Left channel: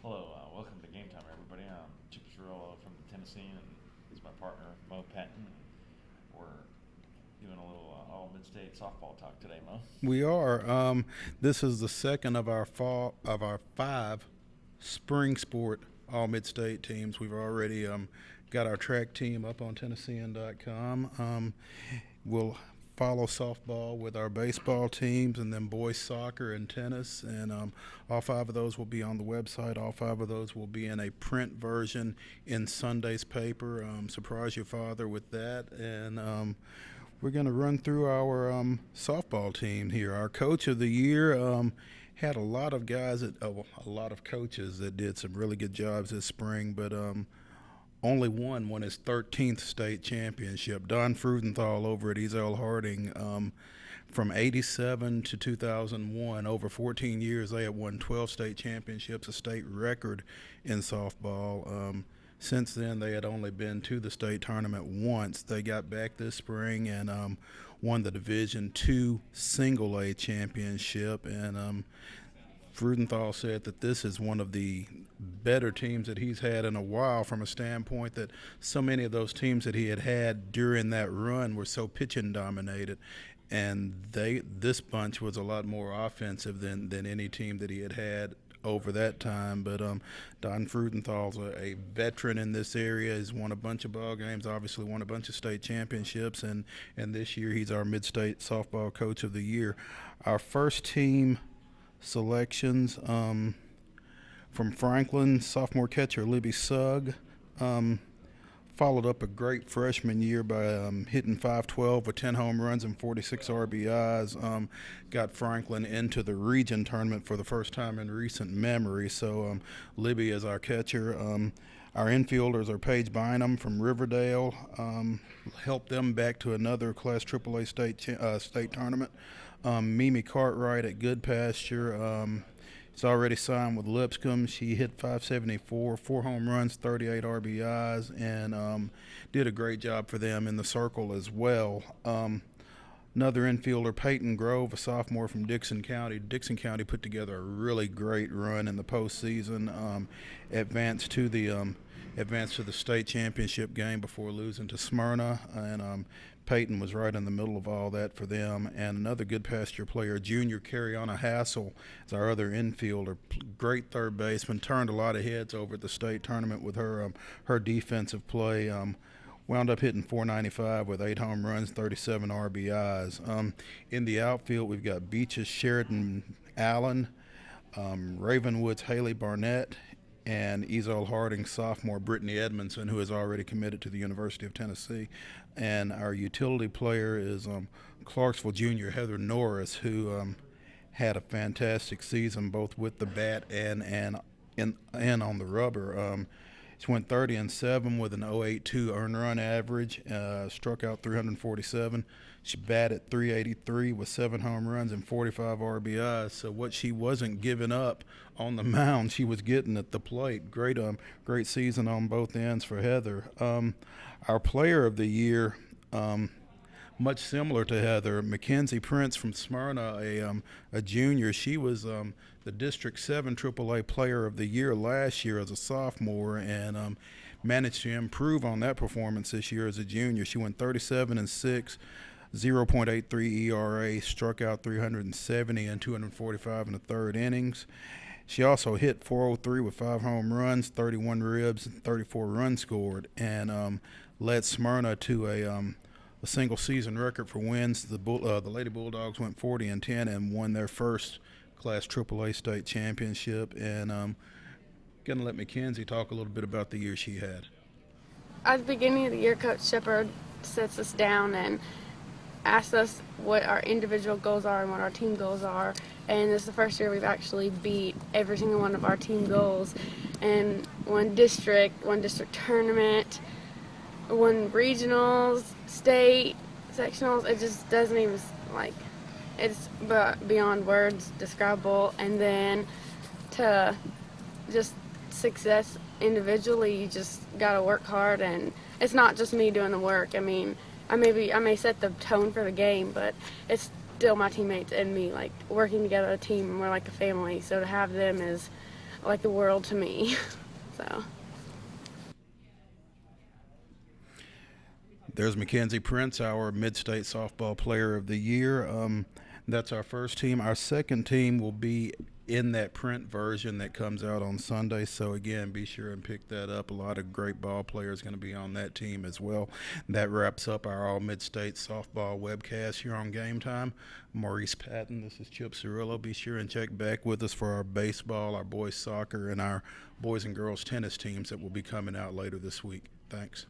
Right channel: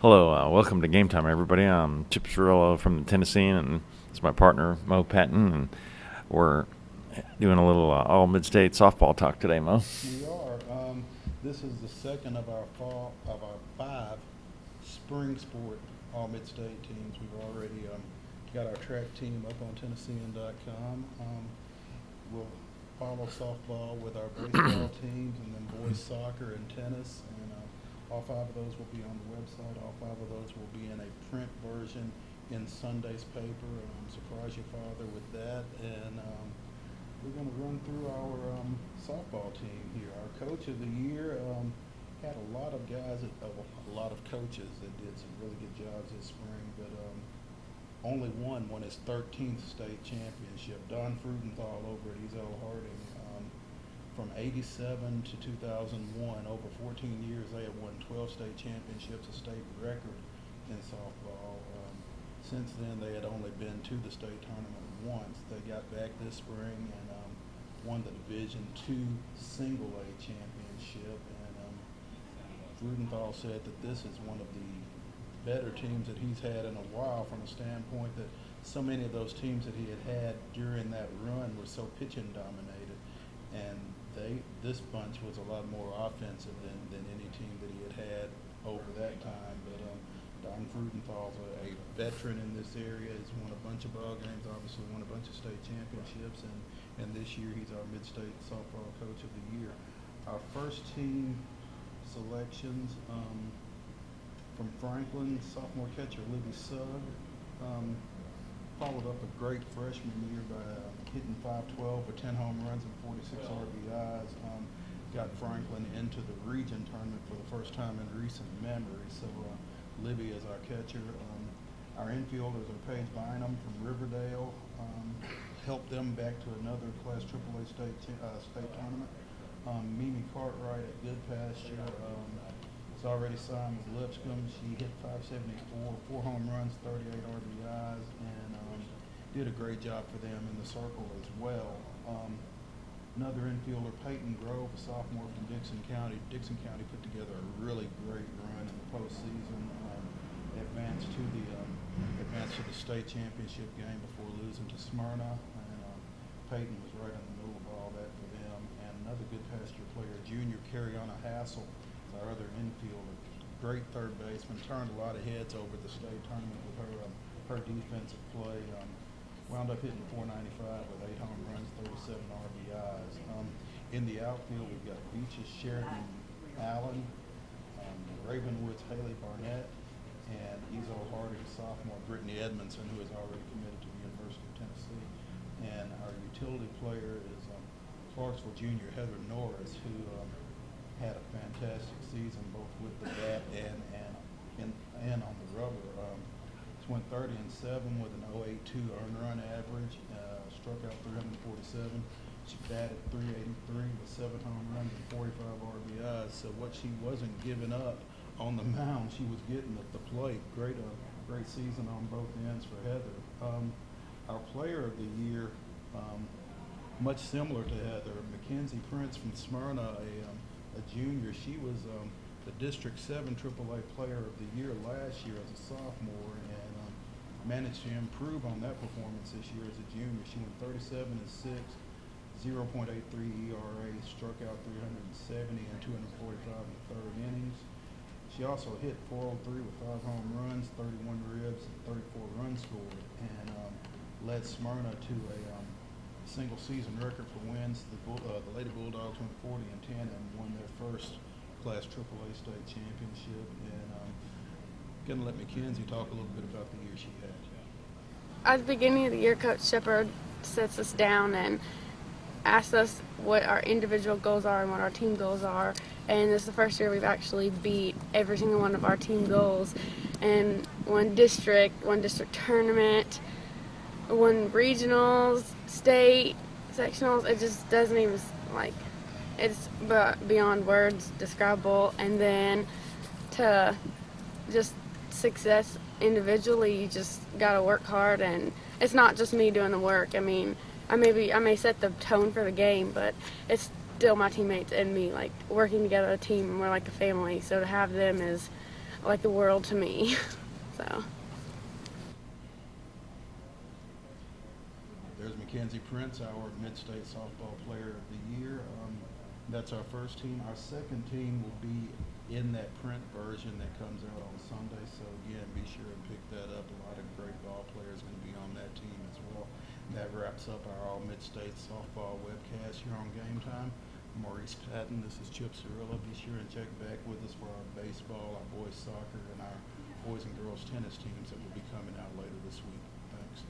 Hello, welcome to Game Time, everybody. I'm Chip Cirillo from the Tennessean, and it's my partner, Patton, and we're doing a little All-Midstate Softball talk today, Mo. We are. This is the second of our five spring sport all mid-state teams. We've already got our track team up on Tennessean.com. We'll follow softball with our baseball teams, and then boys soccer and tennis. And all five of those will be on the website. All five of those will be in a print version in Sunday's paper. Surprise your father with that. And we're going to run through our softball team here. Our coach of the year had a lot of guys, a lot of coaches that did some really good jobs this spring, but only one won his 13th state championship. Don Frudenthal over at Ezel Harding. From 87 to 2001, over 14 years, they have won 12 state championships, a state record in softball. Since then, they had only been to the state tournament once. They got back this spring and won the Division II Single A championship. And Frudenthal said that this is one of the better teams that he's had in a while, from a standpoint that so many of those teams that he had during that run were so pitching dominated, and this bunch was a lot more offensive than any team that he had over that time. But Don Frudenthal's a veteran in this area. He's won a bunch of ball games, obviously won a bunch of state championships, and this year he's our Mid-State Softball Coach of the Year. Our first team selections, from Franklin, sophomore catcher Libby Sugg. Followed up a great freshman year by hitting .512 with 10 home runs and 46 RBIs. Got Franklin into the region tournament for the first time in recent memory. So Libby is our catcher. Our infielders are Paige Bynum from Riverdale. Helped them back to another Class AAA state tournament. Mimi Cartwright at Good Pasture. It's already signed with Lipscomb. She hit .574, 4 home runs, 38 RBIs, and did a great job for them in the circle as well. Another infielder, Peyton Grove, a sophomore from Dixon County. Dixon County put together a really great run in the postseason. Advanced to the state championship game before losing to Smyrna, and Peyton was right in the middle of all that for them. And another Good Pasture player, junior Carriana Hassel, is our other infielder. Great third baseman, turned a lot of heads over at the state tournament with her defensive play. Wound up hitting .495 with 8 home runs, 37 RBIs. In the outfield, we've got Beaches Sheridan Allen, Ravenwood's Haley Barnett, and Ezel Harding sophomore Brittany Edmondson, who is already committed to the University of Tennessee. And our utility player is Clarksville junior Heather Norris, who had a fantastic season both with the bat and on the rubber. She went 30-7 with an .082 earned run average, struck out 347. She batted .383 with 7 home runs and 45 RBIs. So what she wasn't giving up on the mound, she was getting at the plate. Great season on both ends for Heather. Our player of the year, much similar to Heather, Mackenzie Prince from Smyrna, a junior. She was the District 7 AAA Player of the Year last year as a sophomore, and managed to improve on that performance this year as a junior. She went 37-6, 0.83 ERA, struck out 370 and 245 in the third innings. She also hit .403 with 5 home runs, 31 ribs, and 34 runs scored, and led Smyrna to a single season record for wins. The Lady Bulldogs went 40-10 and won their first Class AAA state championship. And gonna let Mackenzie talk a little bit about the year she had. At the beginning of the year, Coach Shepard sets us down and asks us what our individual goals are and what our team goals are. And this is the first year we've actually beat every single one of our team goals, and won district tournament, won regionals, state, sectionals. It just doesn't even, it's beyond words describable. And then to just success individually, you just gotta work hard, and it's not just me doing the work. I mean, I may set the tone for the game, but it's still my teammates and me, working together as a team, and we're like a family. So to have them is like the world to me. So. There's Mackenzie Prince, our Mid-State Softball Player of the Year. That's our first team. Our second team will be in that print version that comes out on Sunday. So again, be sure and pick that up. A lot of great ball players going to be on that team as well. That wraps up our All-Midstate Softball webcast here on Game Time. Maurice Patton, this is Chip Cirillo. Be sure and check back with us for our baseball, our boys soccer, and our boys and girls tennis teams that will be coming out later this week. Thanks.